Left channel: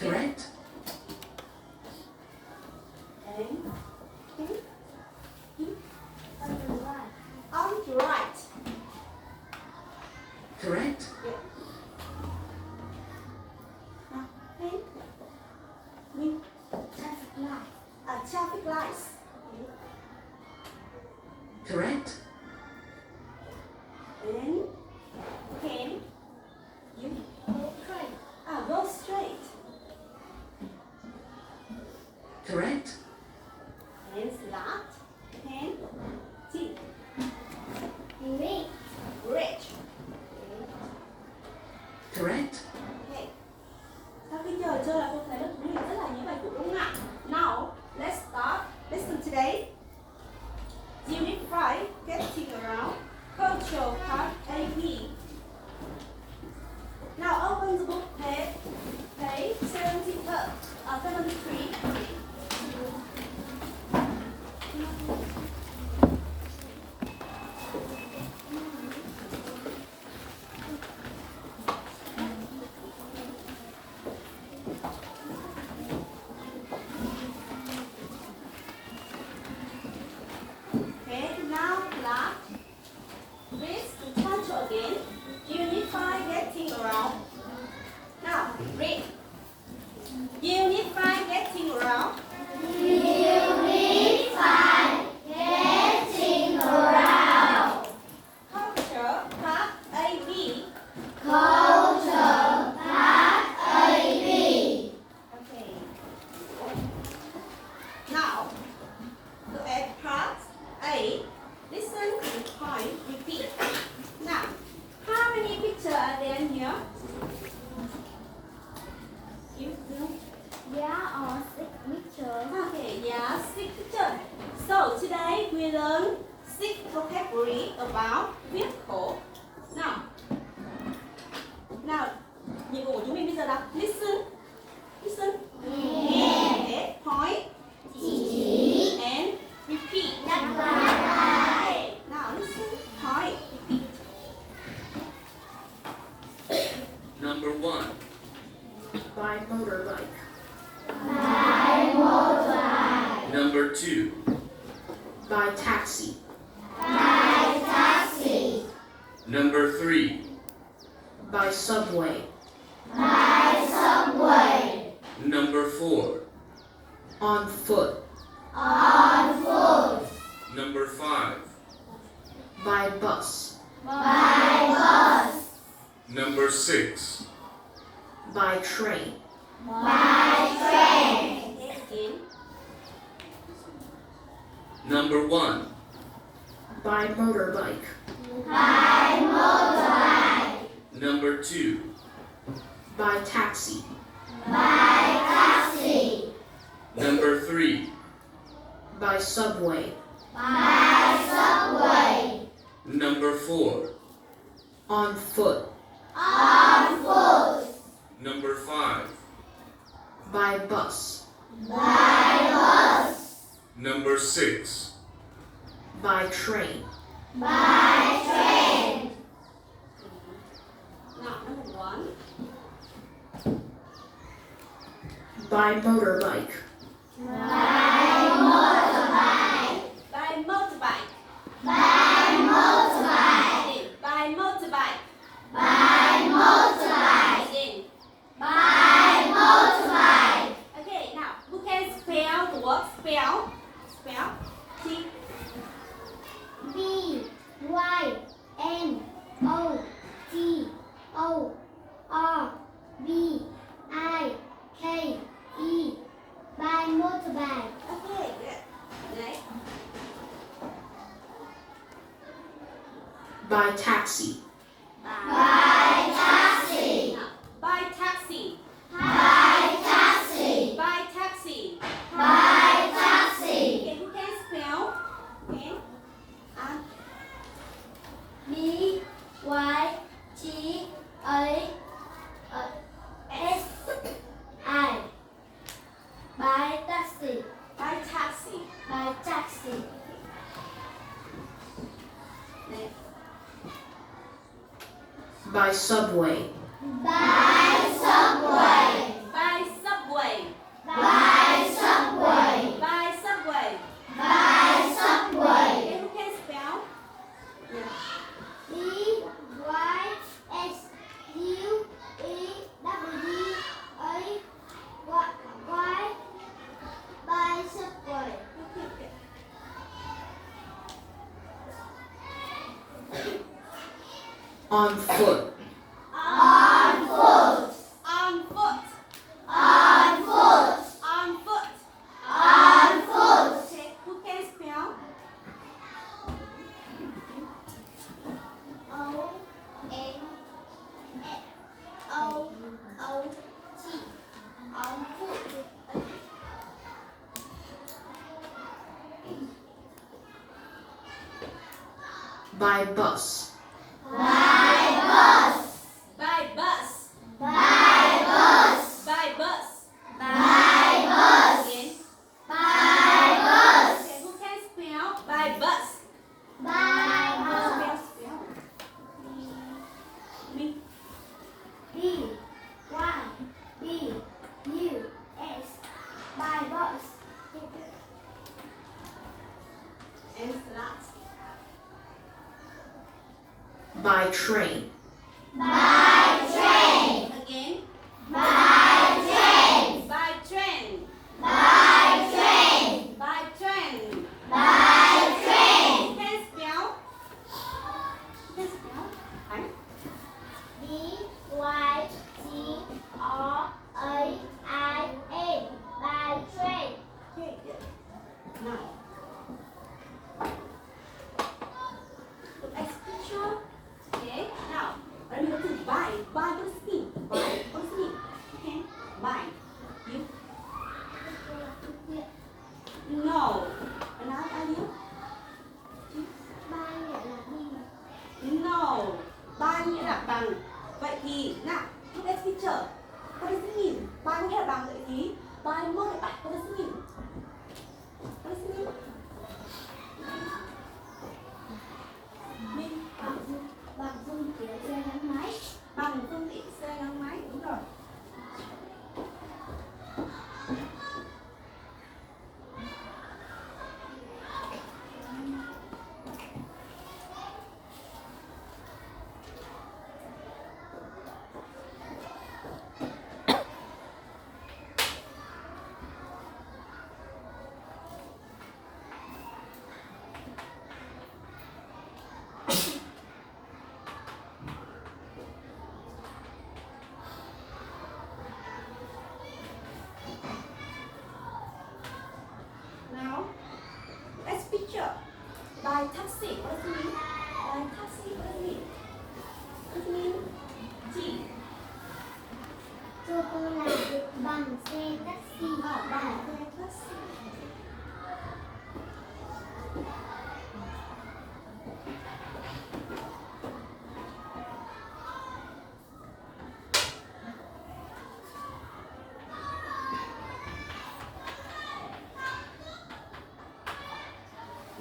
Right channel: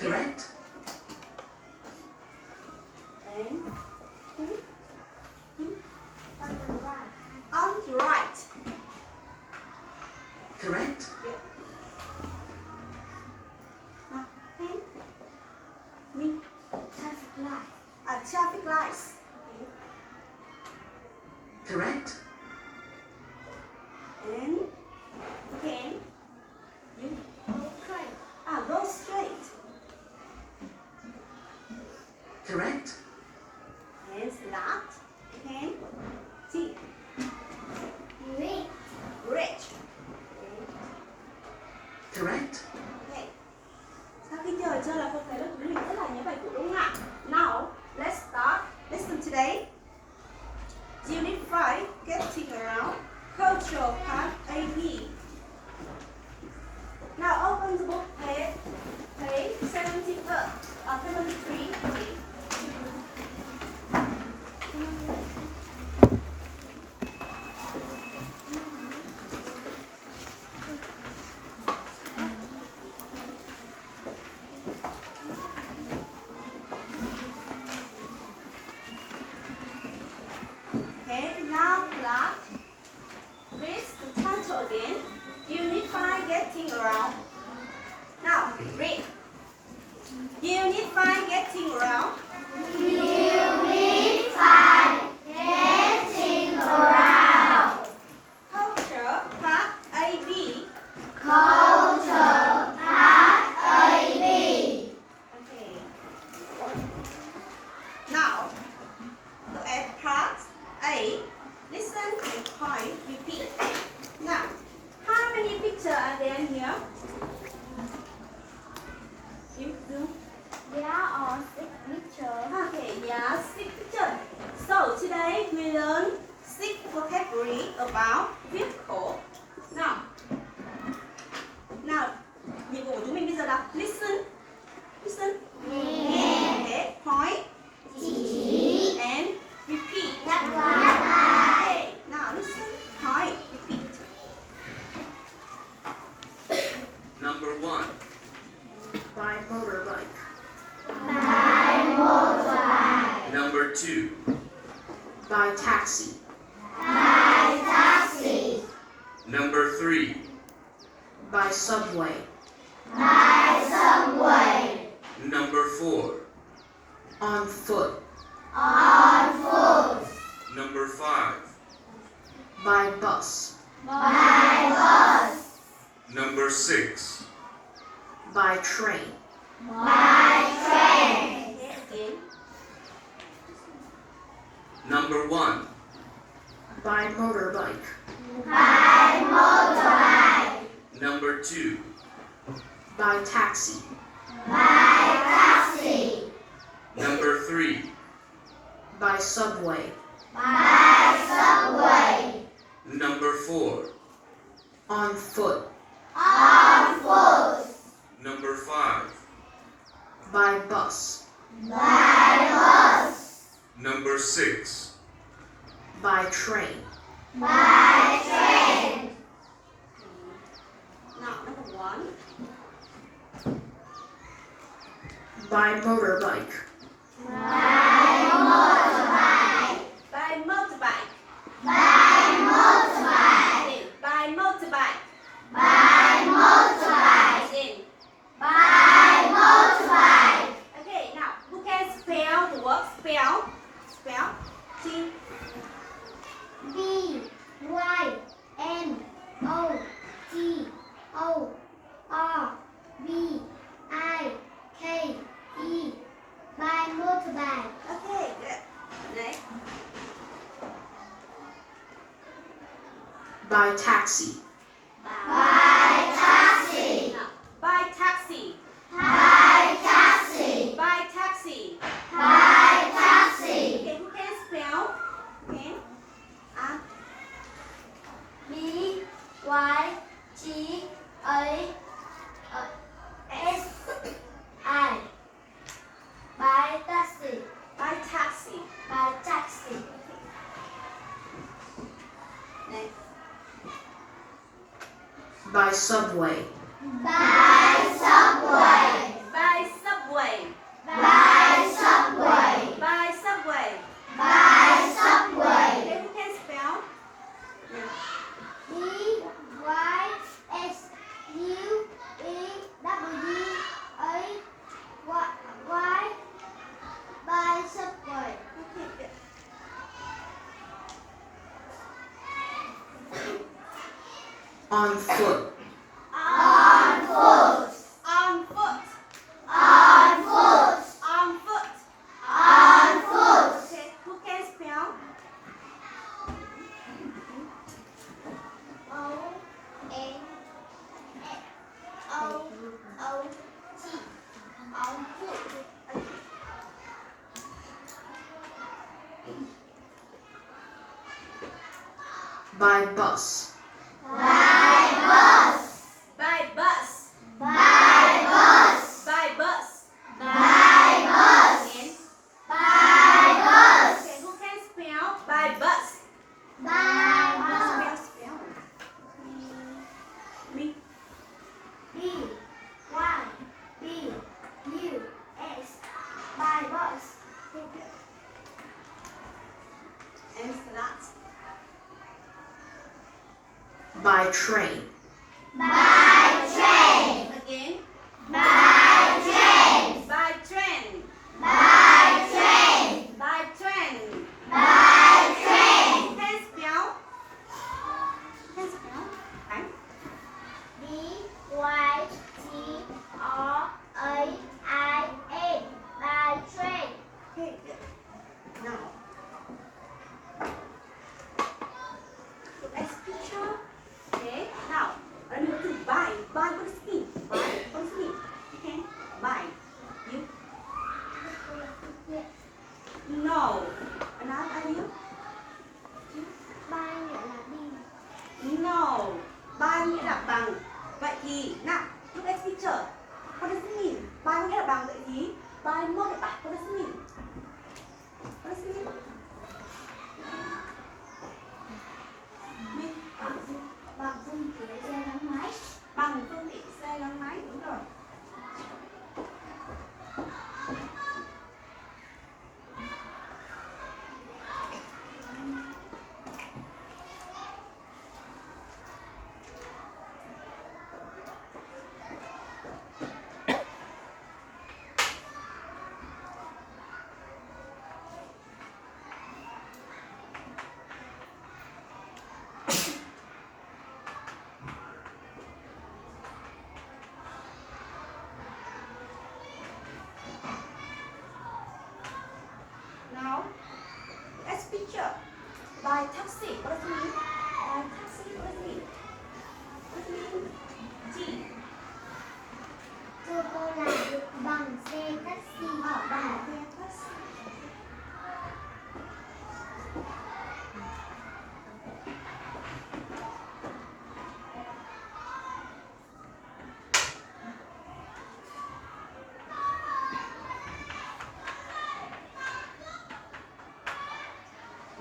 Correct. On the right. Correct. Yeah. Traffic lights. Correct. And again, you go straight. Correct. And slot. And T. Bridge. Correct. Okay. Sau khi chơi là cô thấy lớp huấn luyện rất là nhớ bài cũ đúng không ạ? Now, let's start. Listen today. Unit 5, Getting Around, Cultural Part AP. Now open the book page 73. Okay, now class, read the title again. Unit 5, Getting Around. Now, read. Unit 5, Getting Around. Culture, Part AB. Okay. Now, look at part A. Listen and point, repeat. Now, how many pictures are there here? You do. Okay, yeah, 6 pictures. So today we learn 6 vocabulary about vehicle. Now, nhiệm vụ của chúng mình bây giờ là listen. Okay, point and repeat. Okay, now listen, point, repeat. Number 1. By motorbike. Number 2. By taxi. Number 3. By subway. Number 4. On foot. Number 5. By bus. Number 6. By train. Okay, again. Number 1. By motorbike. Number 2. By taxi. Number 3. By subway. Number 4. On foot. Number 5. By bus. Number 6. By train. Now, number 1. By motorbike. By motorbike. Again, by motorbike. Again. Okay, now By taxi. By taxi. By taxi. By taxi. By taxi. By taxi. Okay, who can spell? Okay. B Y G A S I. By taxi. By taxi. By taxi. Next. By subway. By subway. By subway. By subway. By subway. By subway. Okay, who can spell? B Y S U E W A Y. By subway. Okay, good. On foot. On foot. On foot. On foot. On foot. On foot. Okay, who can spell? O N O O T. On foot. By bus. By bus. By bus. By bus. By bus. By bus. Again. By bus. Okay, who can spell? By bus. By bus. Spell. Me. B Y B U S. By bus. And last. By train. By train. Again. By train. By train. By train. By train. By train. Who can spell? Who can spell? Tháng. B Y T R A I N. By train. Okay, good. Now. Look at the picture. Okay, now. Let me go to buy. Buy, what does it mean? Buy, what does it mean? Okay, buy. You? No. Another idea? By nghĩa là đi. No. Buy nghĩa là bằng. Vậy thì, nào, look at the picture. What does it mean? Buy nghĩa là bằng, vậy thì buy motorbike. What does it mean? What does it mean? Mean Bằng phương tiện xe gắn máy. bằng phương tiện xe gắn máy, đúng rồi. Now, let's picture. By taxi, what does it mean? By taxi, what does it mean? What does it mean? T. Sô cô la bằng xe taxi. Bằng xe taxi.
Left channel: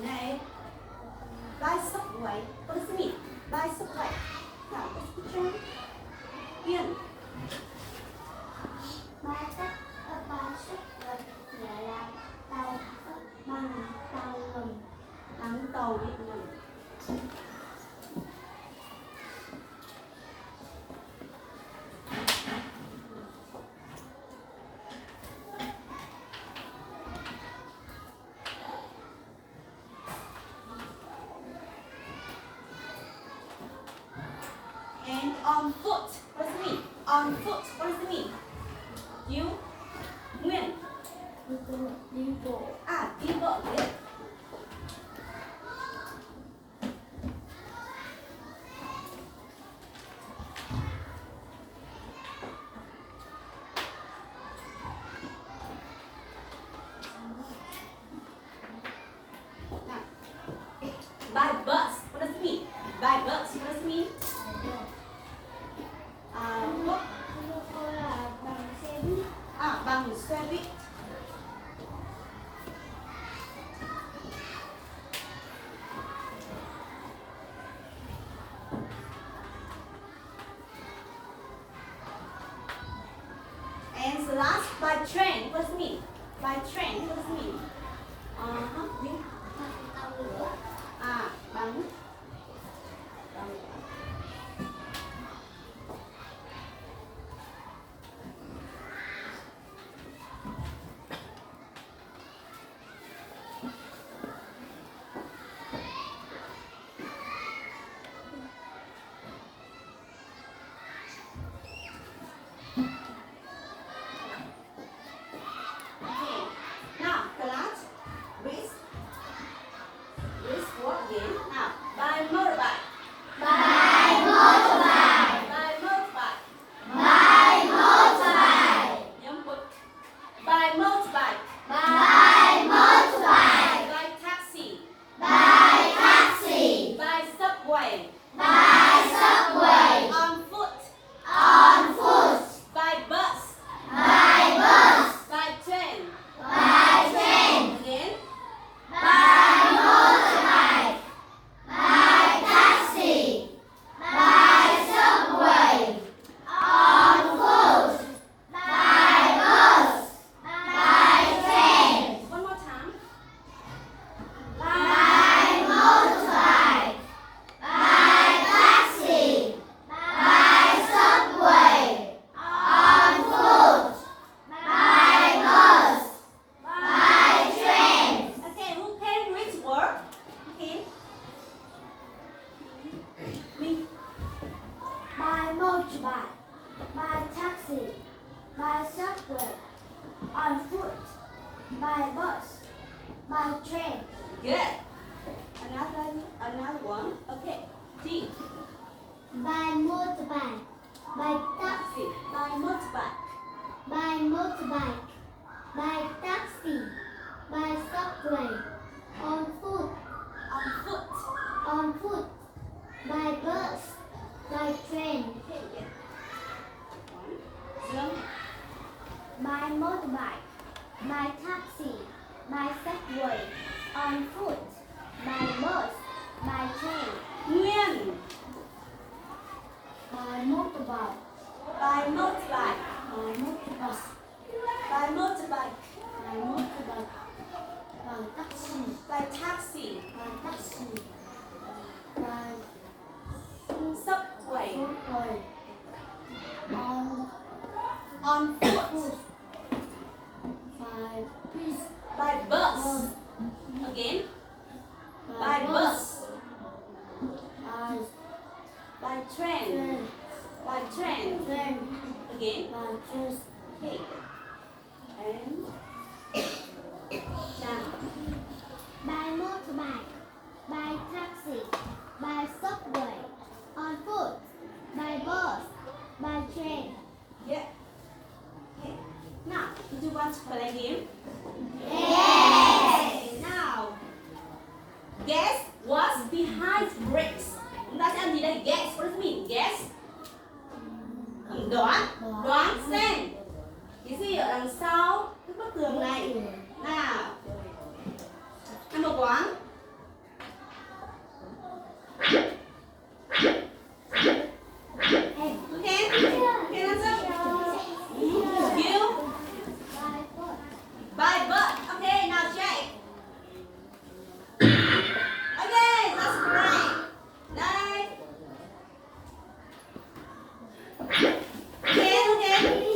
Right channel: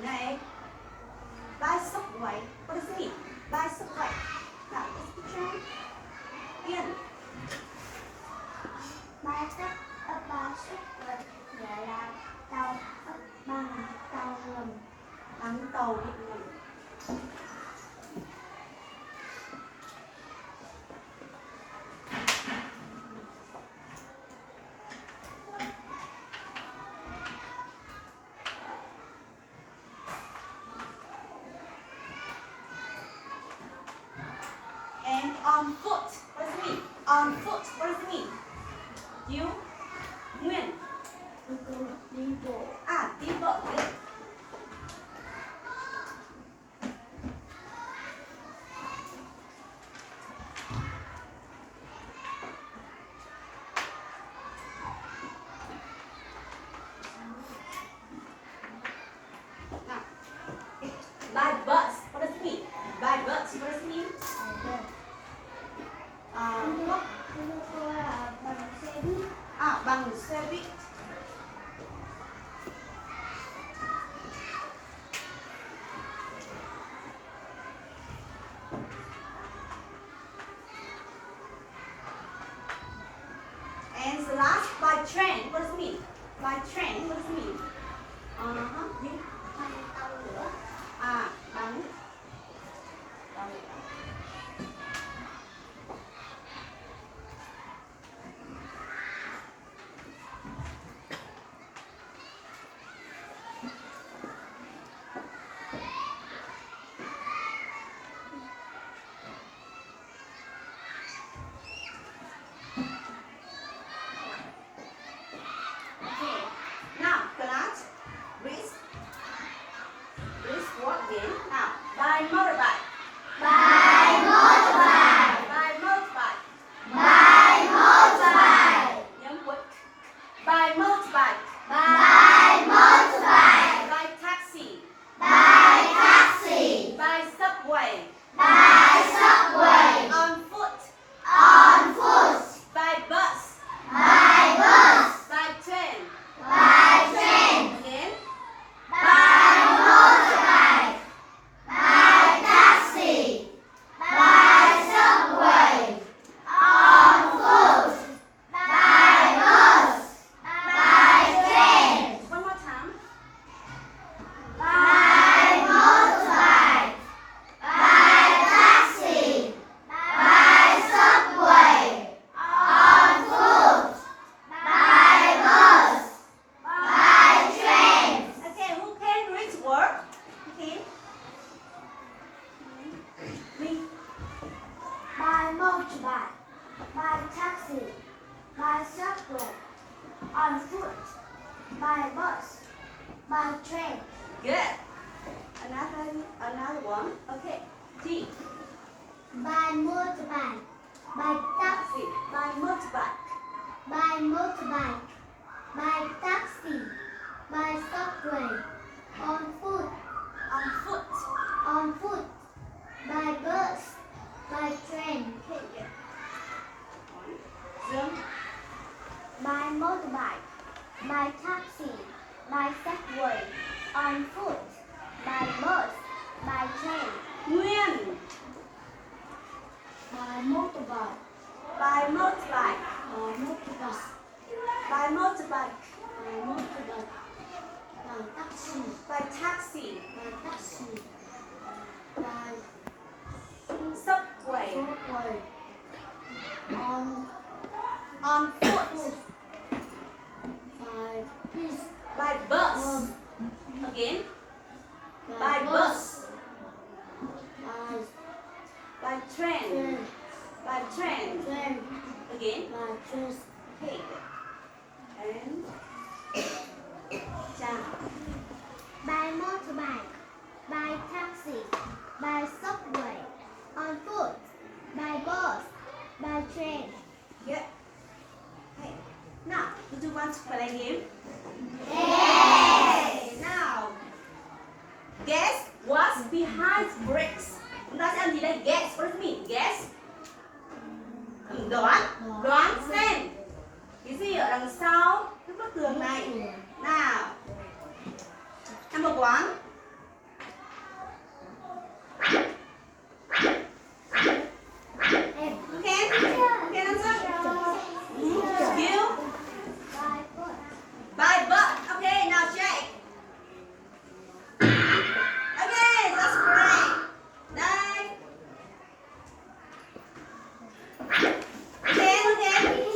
Này, by subway, what does it mean? By subway. Now, let's picture. Yên. Ba tắc ba xuất vật nghĩa là tàu bằng tàu ngầm. Thắng tàu điện ngầm. And on foot, what does it mean? On foot, what does it mean? You, Nguyên. Đi bộ. Đi bộ đấy. feet. And the last, by train, what does it mean? By train, what does it mean? Những bằng tàu lửa, bằng Okay. Now, class, wrist walk again. Now, by motorbike. by motorbike, By motorbike. by motorbike, Nhóm quất. By motorbike. by motorbike, By taxi. by taxi, By subway. by subway, On foot. on foot, By bus. by bus, By train. by train, Again. by motorbike, by taxi, by subway, on foot, by bus, by train, One more time. by motorbike, by taxi, by subway, on foot, by bus, by train. Okay, who can reach work? Who can? Me. By motorbike, by taxi, by subway, on foot, by bus, by train. Good. Another one. Okay. T. By motorbike, by taxi, By motorbike. by motorbike, by taxi, by subway, on foot, On foot. on foot, by bus, by train. Okay, good. One. Jump. By motorbike, by taxi, by subway, on foot, by bus, by train. Nguyên. By motorbike, By motorbike. by motorbus, By motorbike. by motorbike, by taxi, By taxi. by taxi, by Subway. subway, on On foot. foot, by bus, By bus. Again. By bus. by By train. train, By train. train, Again. by train. Okay. And jump. By motorbike, by taxi, by subway, on foot, by bus, by train. Good. Okay. Now, do you want to play a game? Yes. Okay, now, guess what's behind bricks? Chúng ta sẽ làm gì đây? Guess. What does it mean? Guess. Đoán. Đoán xem. Cái gì ở đằng sau cái bức tường này? Nào. Number one. Em. Okay. Okay, answer. You. By foot. By butt. Okay, now Jake. Okay, that's great. Next. Okay.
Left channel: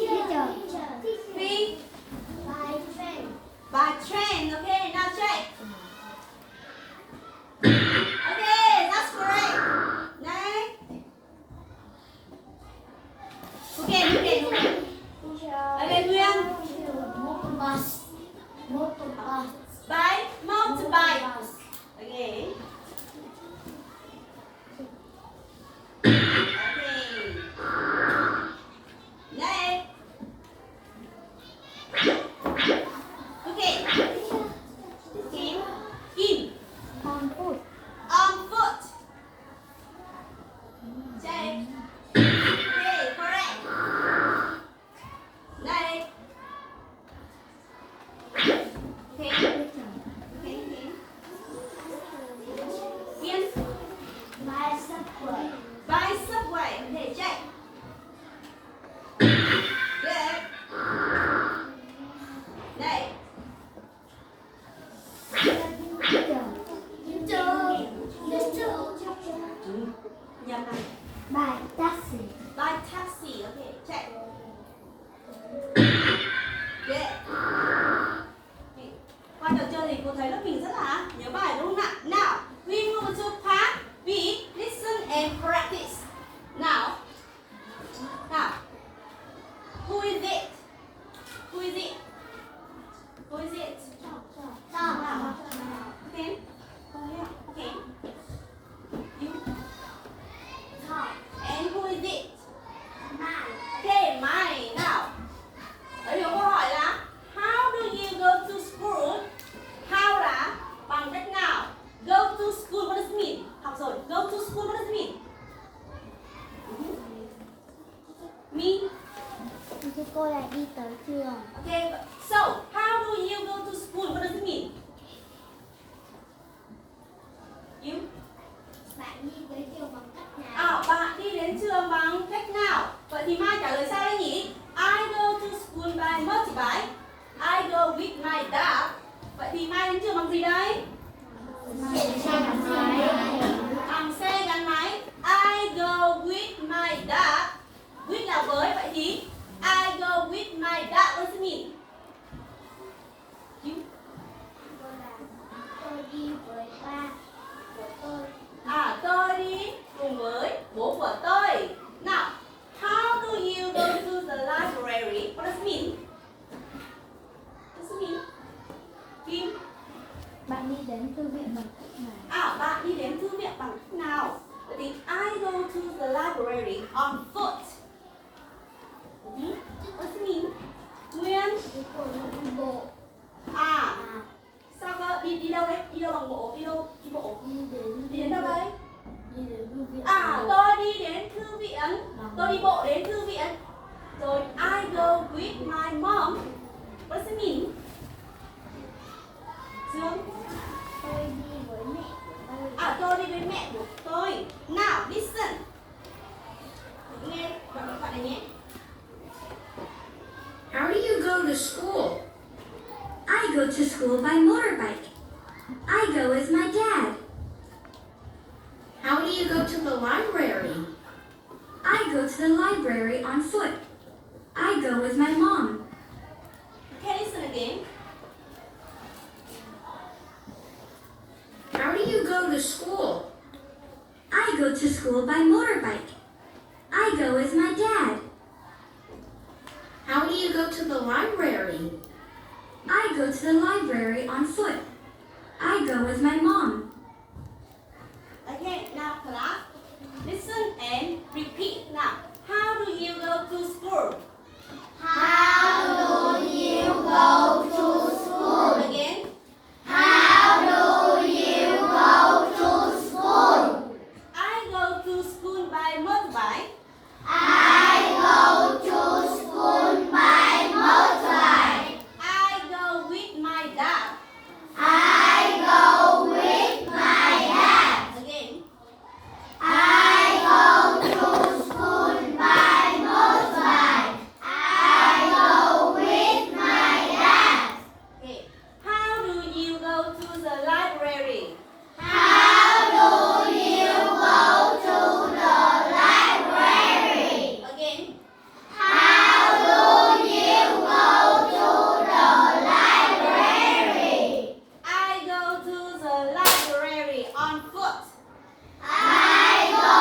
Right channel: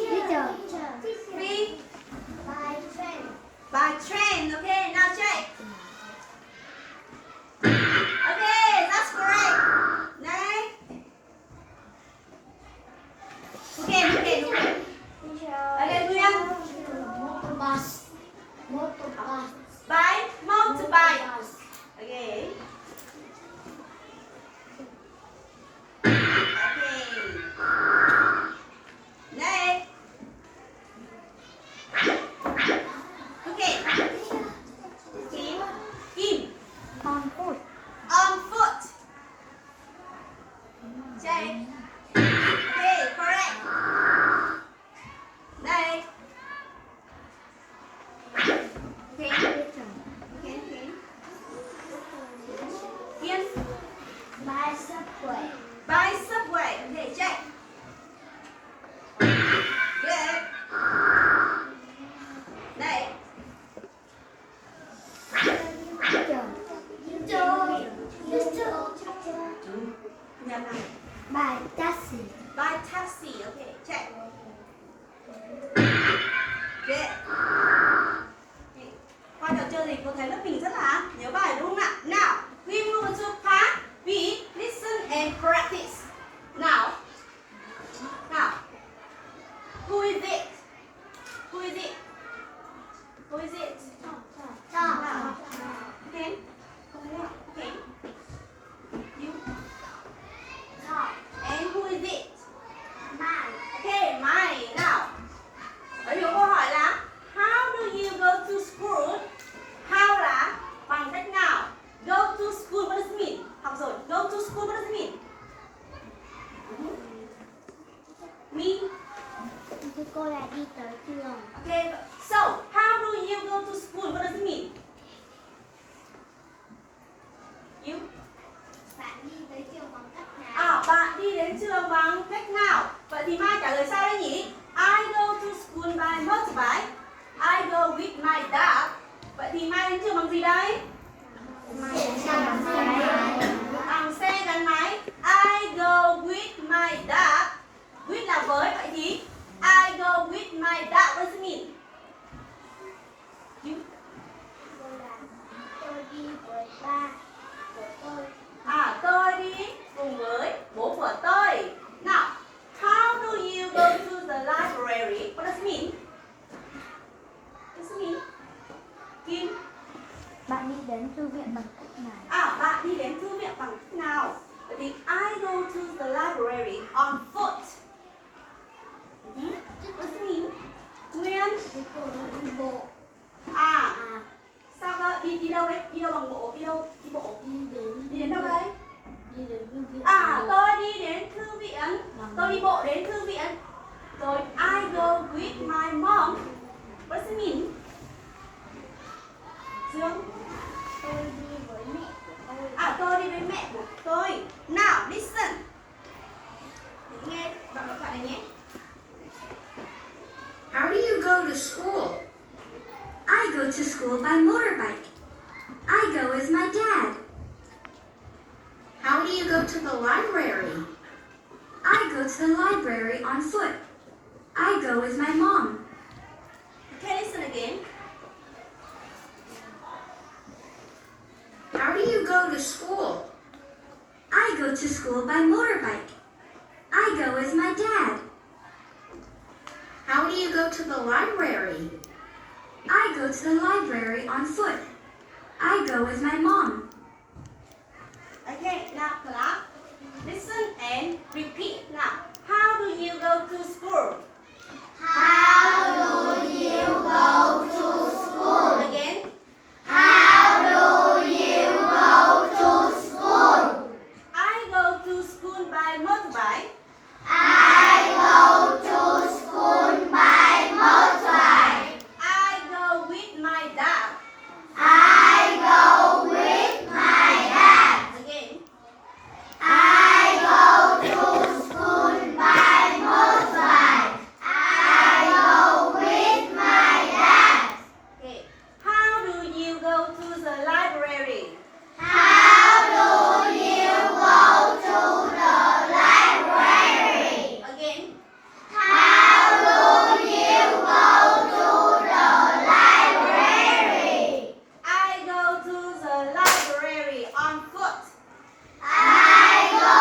Teacher. Feet. gì? Mai đến trường bằng gì đấy? Bằng xe gắn máy. I go with my dad. With là với, vậy thì I go with my dad. What does it mean? You? Tôi đi với ba của tôi. Tôi đi cùng với bố của tôi. Now, how do you go to the library? What does it mean? What does it mean? Kim? Bạn đi đến thư viện bằng cách nào? Bạn đi đến thư viện bằng cách nào? Vậy thì I go to the library on foot. What does it mean? Nguyên? Đi bộ. Sao cơ? Đi đâu đấy? Đi đâu bằng bộ? Đi đâu? Đi bộ. Đi đến đâu đấy? Đi đến thư viện. Tôi đi đến thư viện. Tôi đi bộ đến thư viện. Rồi I go with my mom. What does it mean? Dương? Tôi đi với mẹ của tôi. Tôi đi với mẹ của tôi. Now listen. Nghe đoạn thoại này nhé. How do you go to school? I go to school by motorbike. I go as my dad. How do you go to the library? I go to the library on foot. I go as my mom. Okay, listen again. How do you go to school? I go to school by motorbike. I go as my dad. How do you go to the library? I go to the library on foot. I go as my mom. Okay, now class. Listen and repeat now. How do you go to school? How do you go to school? Again. How do you go to school? I go to school by motorbike. I go to school by motorbike. I go with my dad. I go with my dad. Again. I go to school by motorbike. I go with my dad. Okay. How do you go to the library? How do you go to the library? Again. How do you go to the library? I go to the library on foot. I go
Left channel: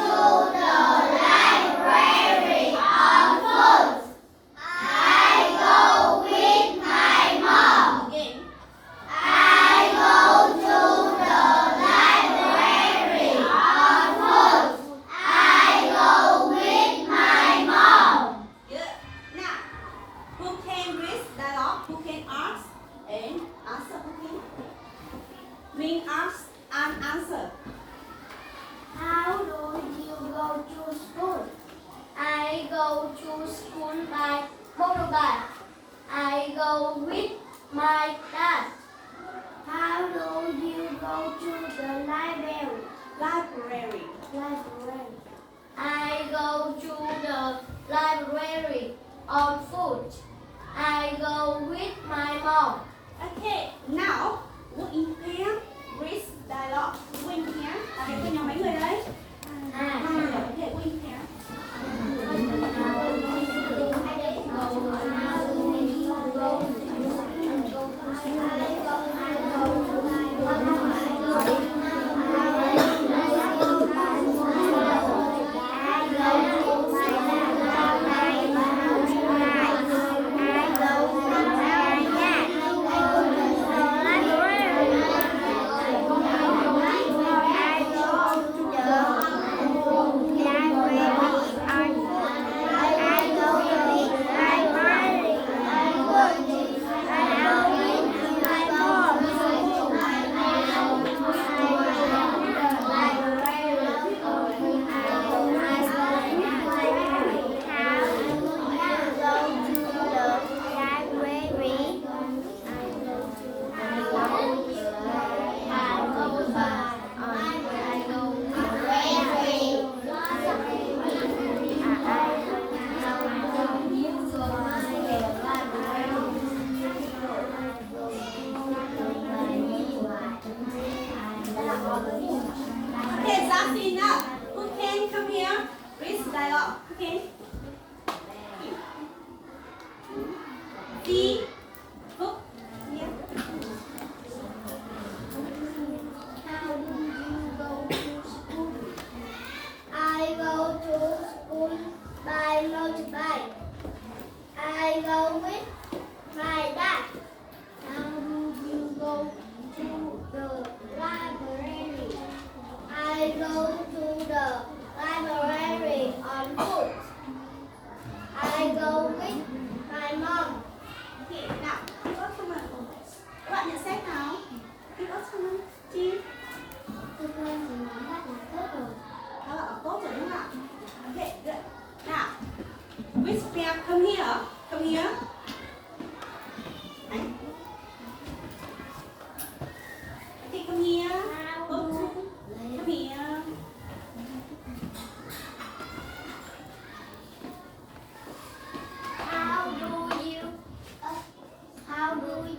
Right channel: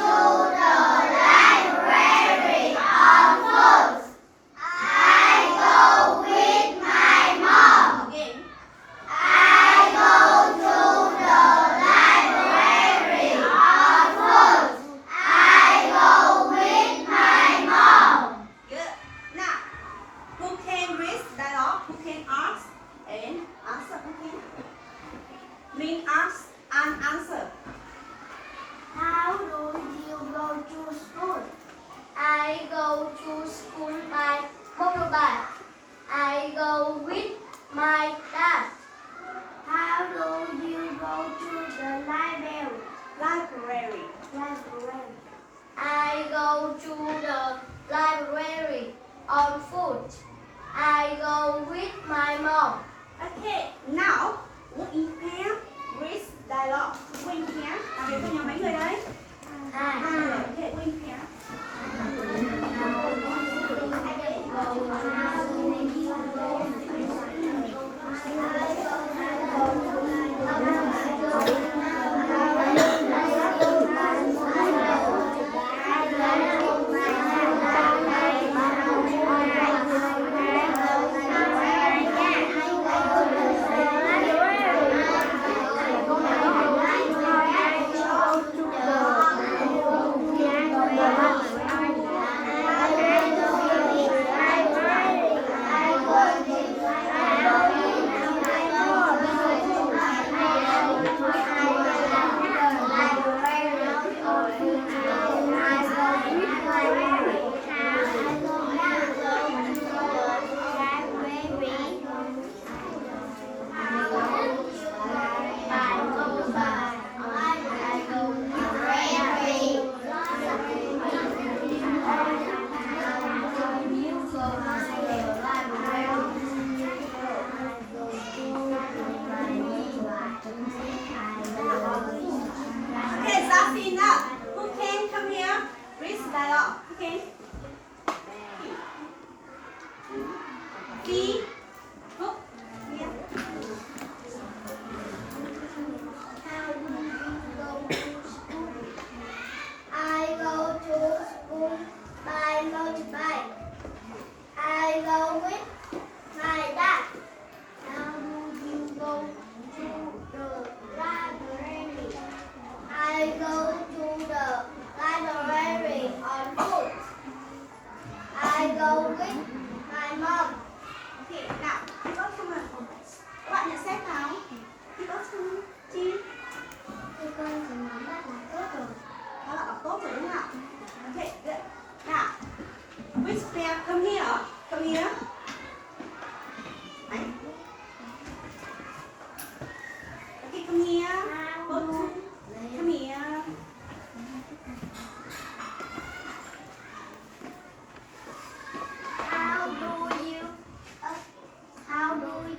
to the library on foot. I go with my mom. Again. I go to the library on foot. I go with my mom. Good. Now, who can read dialogue? Who can ask and answer? Who can? Mean ask and answer. How do you go to school? I go to school by motorbike. I go with my dad. How do you go to the library? Library. Library. I go to the library on foot. I go with my mom. Okay. Now, who in pair read dialogue? Who in pair? Thầy có nhóm mấy người đấy? Okay, who in pair? I go to the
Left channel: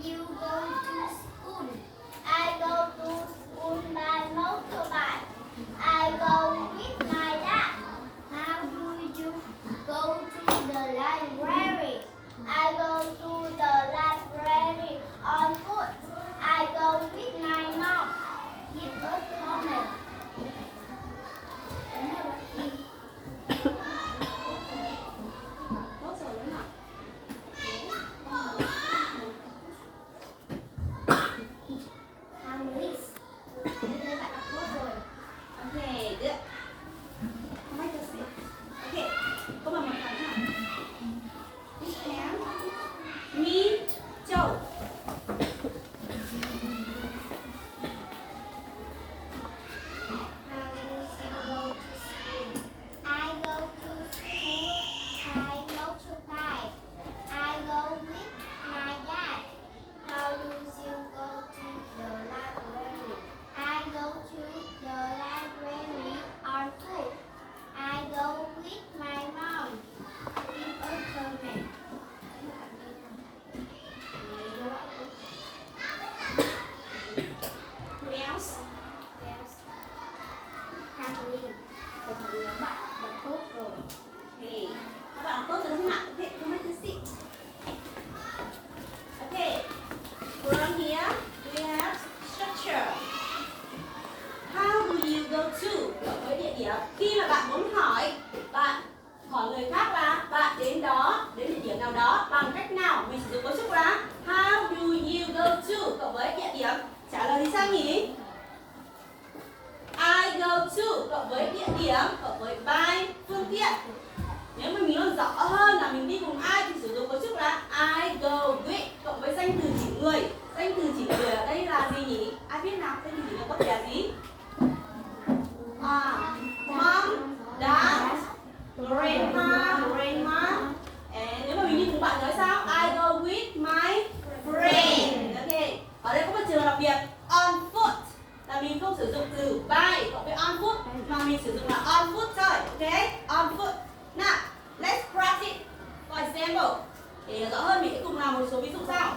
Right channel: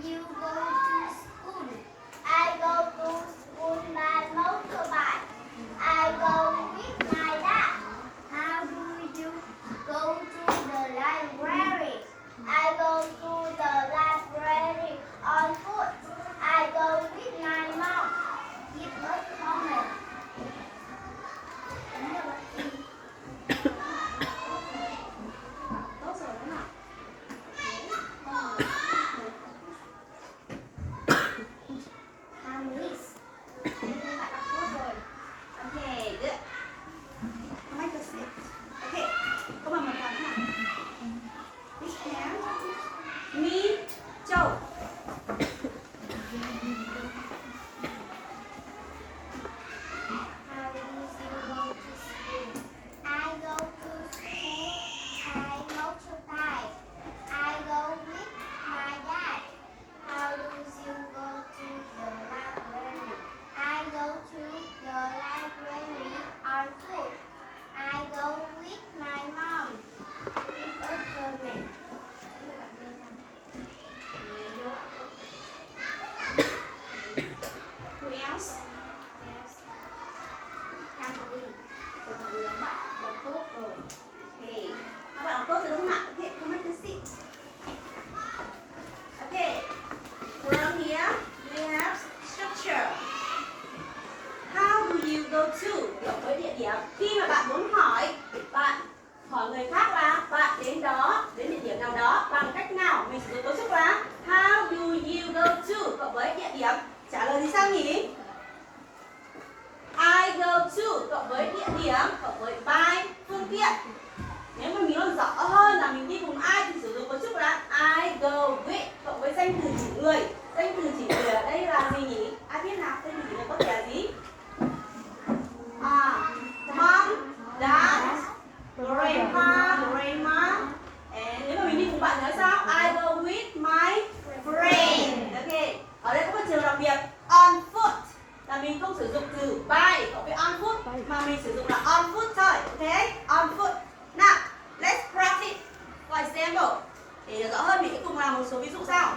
you go to school? I go to school by motorbike. I go with my dad. How do you go to the library? I go to the library on foot. I go with my mom. Give us a comment. Tốt rồi đúng không? How many? Đây bạn đọc tốt rồi. Okay, good. Make the sit. Okay, có bằng một phần hả? Which hand? Me, Joe. How do you go to school? I go to school by motorbike. I go with my dad. How do you go to the library? I go to the library on foot. I go with my mom. Give a comment. Who else? Yes. Family. Được rồi, bạn đọc tốt rồi. Okay, các bạn đọc tốt rồi đúng không ạ? Okay, come make the sit. Okay, from here we have structure. How do you go to? Cộng với địa điểm. Khi mà bạn muốn hỏi người khác là bạn đến địa điểm nào đó bằng cách nào, mình sử dụng cấu trúc là how do you go to cộng với địa điểm. Trả lời thì sao nhỉ? I go to cộng với địa điểm cộng với by phương tiện. Nếu mà mình nói rõ hơn là mình đi cùng ai thì sử dụng cấu trúc là I go with cộng với danh từ chỉ người. Danh từ chỉ người ở đây là gì nhỉ? Ai biết nào? Danh từ chỉ người có thể là gì? Mom, dad, grandpa, grandma. Nếu mà mình đi cùng bạn nói sao? I go with my friend. Ok. Ở đây có một trường đặc biệt on foot là mình không sử dụng từ by cộng với on foot mà mình sử dụng là on foot thôi. Ok? On foot. Now, let's practice. For example, để hiểu rõ hơn mình sẽ cùng làm một số ví dụ sau.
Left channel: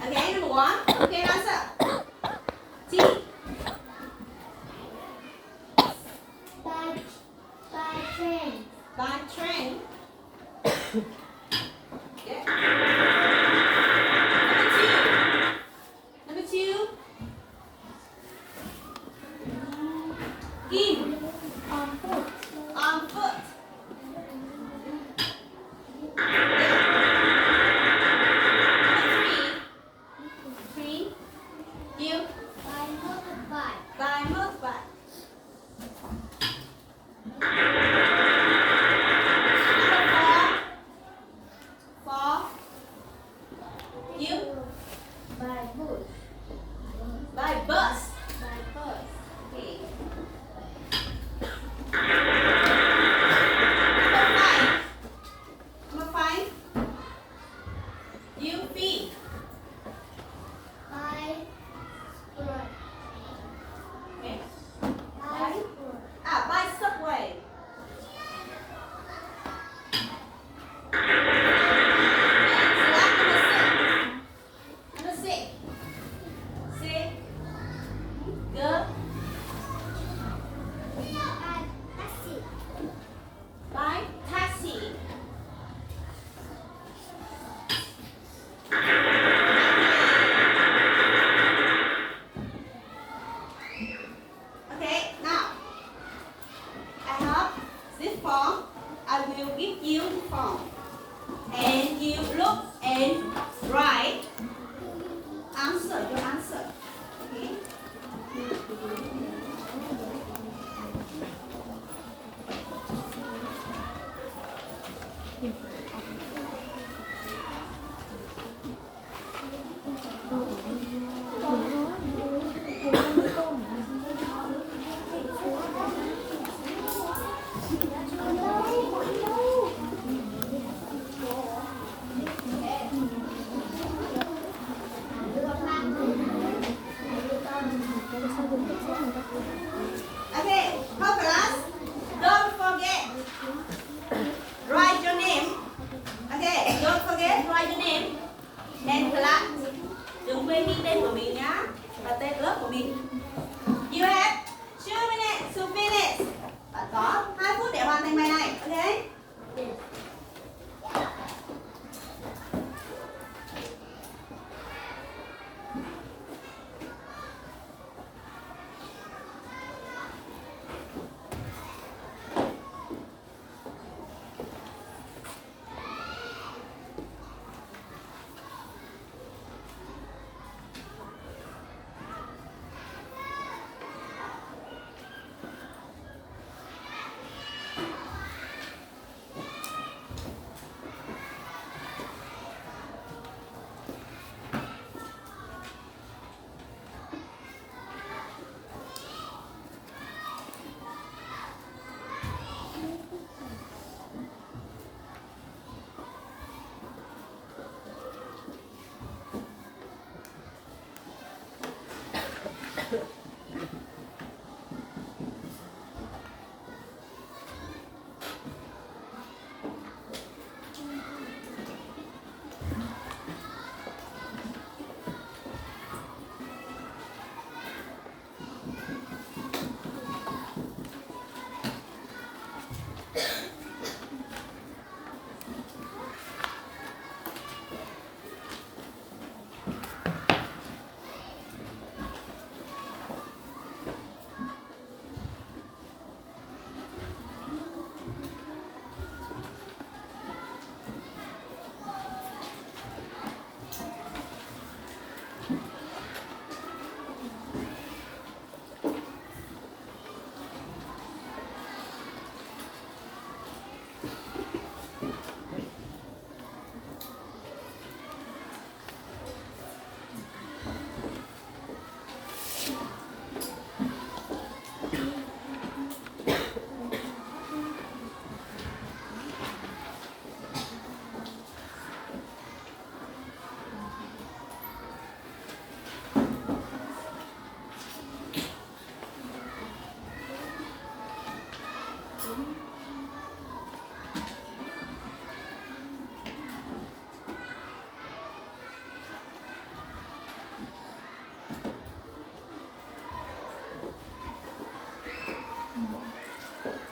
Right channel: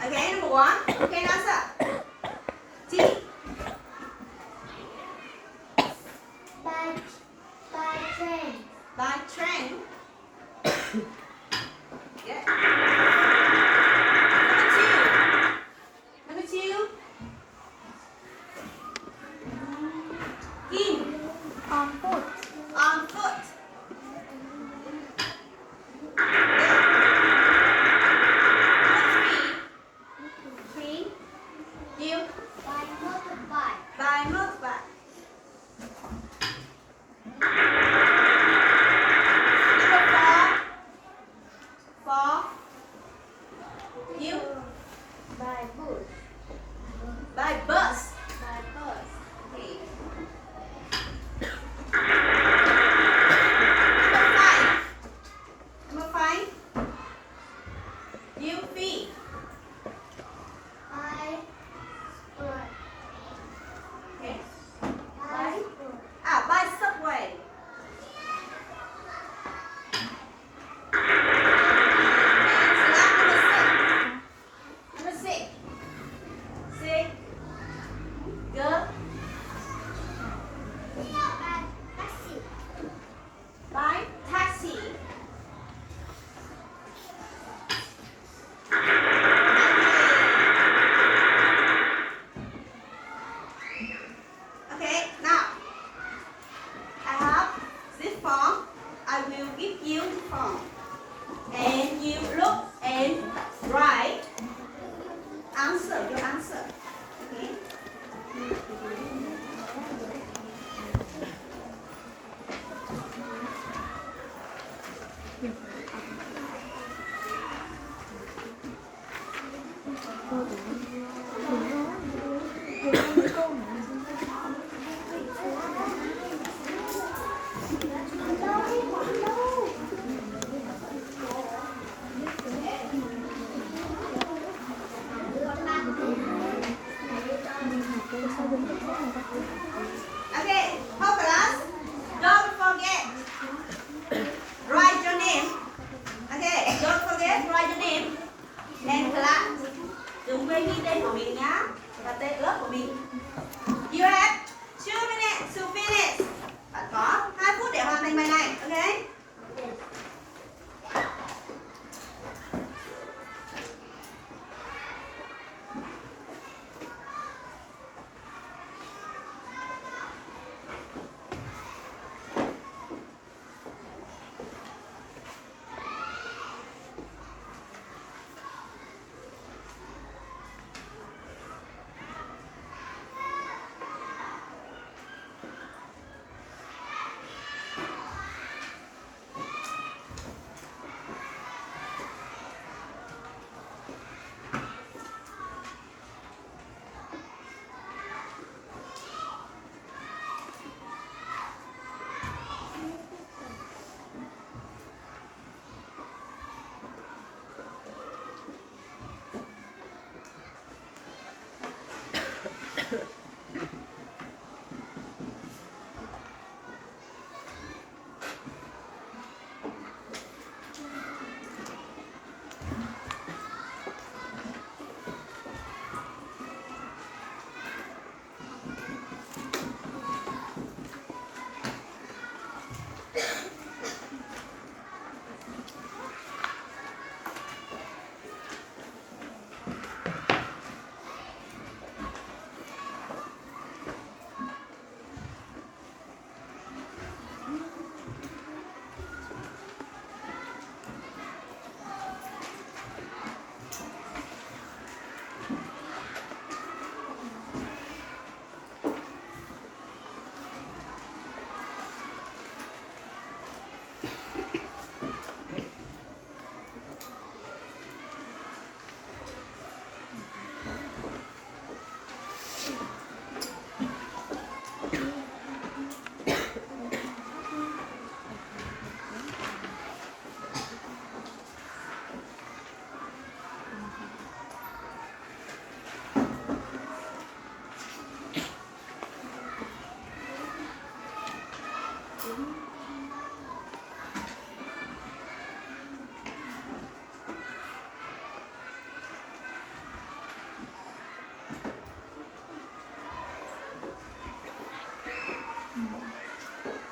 Okay, number one. Okay, answer. T. By train. By train. Yeah. Number two. Kim. On foot. On foot. Three. You. By motorbike. By motorbike. Number four. mình. You have 2 minutes to finish. Bạn có 2 phút để hoàn thành bài này, ok?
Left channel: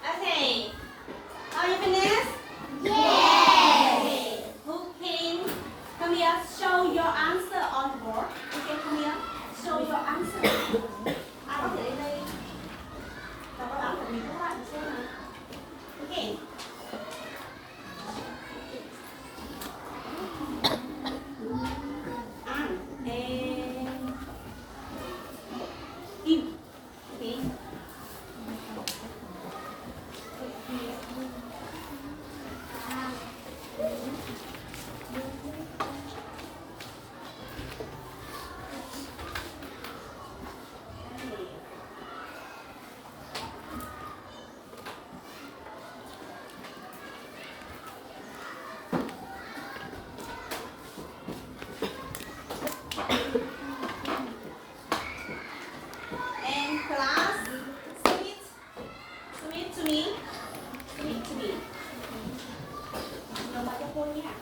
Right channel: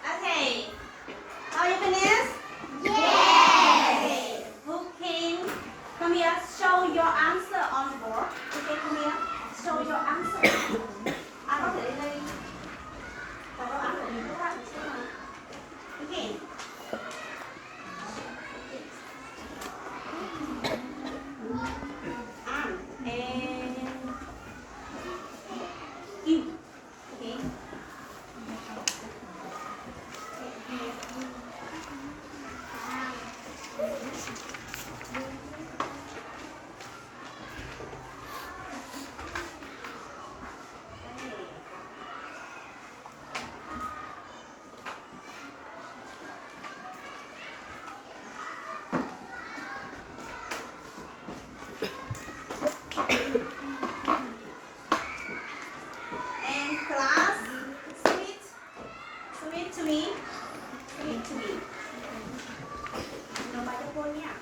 Okay. Are you finished? Yes. Who can come here? Show your answer on the board. Who can come here? Show your answer. Ai có thể đến đây đọc đáp án của mình các bạn xem nào. Okay. An and Kim. Okay. And class, submit to me. Submit to me. Nộp bài cho cô nha.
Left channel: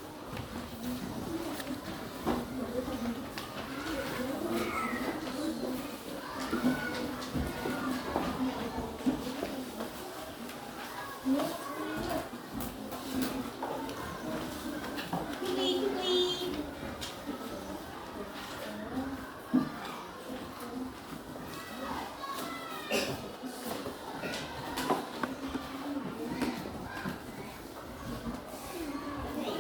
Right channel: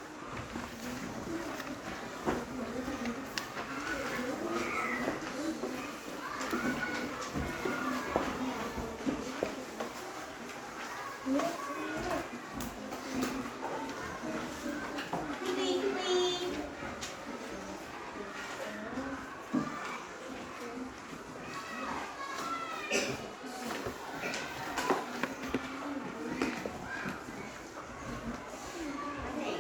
Quickly, quickly. Okay.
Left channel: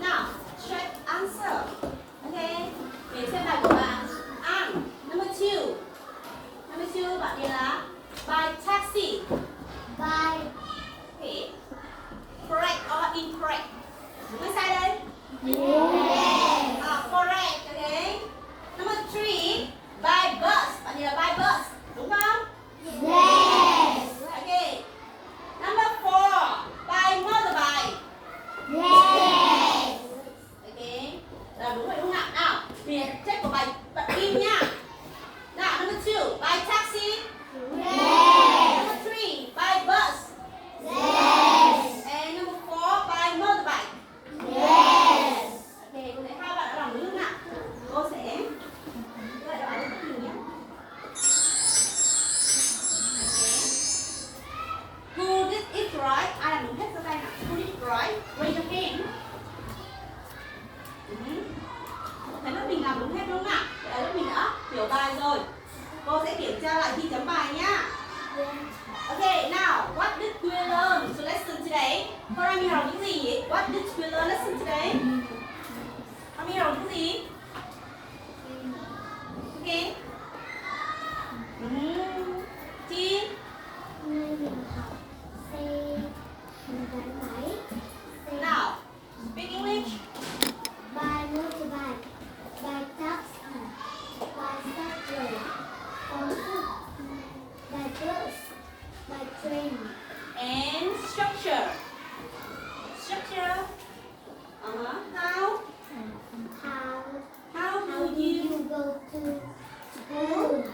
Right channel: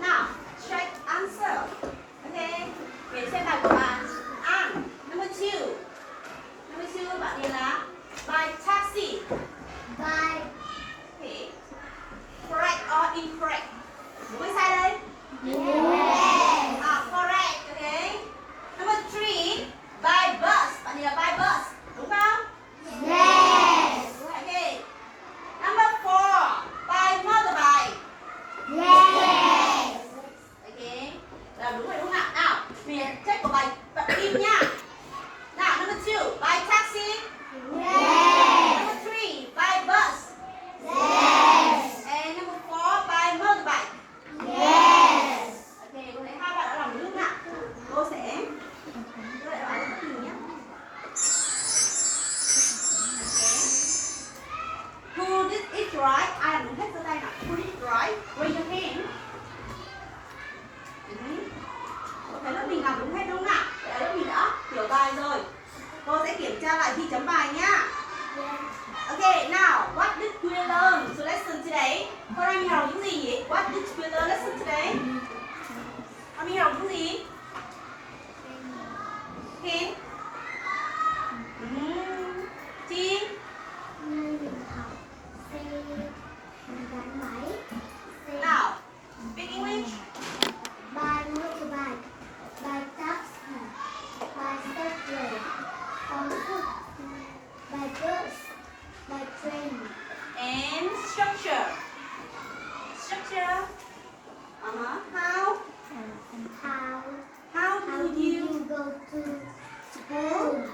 Now, check answer. Okay. Để xem bài của bạn. An, number 2. Number 2 bạn điền là by taxi. Bye. Okay. Correct or incorrect? Đúng hay sai đây? Yes. Correct. Okay. Number 3, by bus. Bạn điền là by bus. Đúng không? Yes. Okay. Number 4, by motorbike. Yes. Okay. Là đúng rồi đúng không ạ? Nào, mình check của bài bạn Kim nha. Nào, number 2, by taxi. Yes. Number 3, by bus. Yes. And number 4, by motorbike. Yes. Ok, cô thấy hai bạn đã làm đúng không ạ? Cô sẽ gợi lại we learn lesson today? Con đi học cái gì? Again? Chi? Hôm nay mình học xe gắn máy, xe Nào, speak English. by motorbike, by taxi, by subway, on foot, by bus, by train. And structure. Structure. How? How How do do you? you go to school?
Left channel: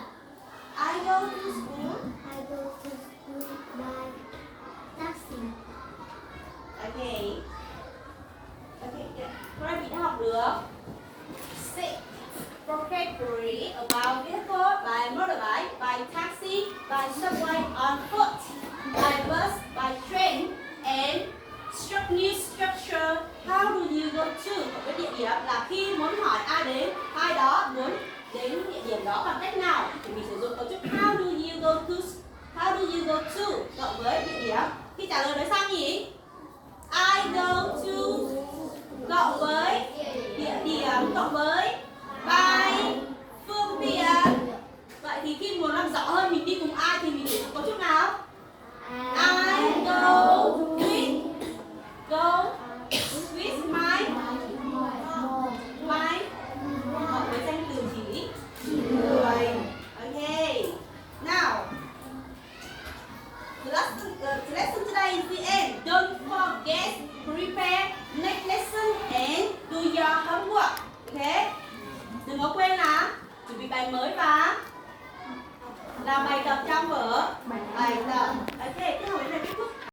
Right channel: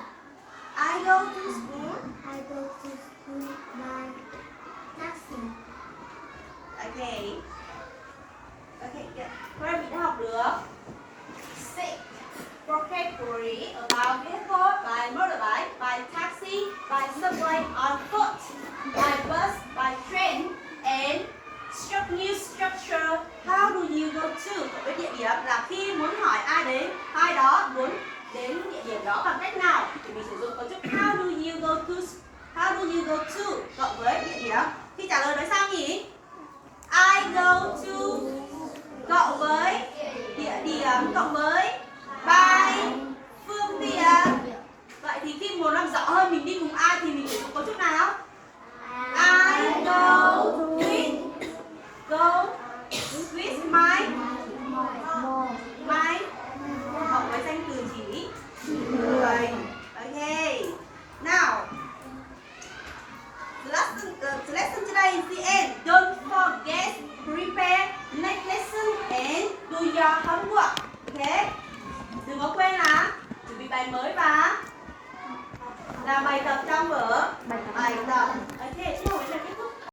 I go to school. I go to school by taxi. Okay.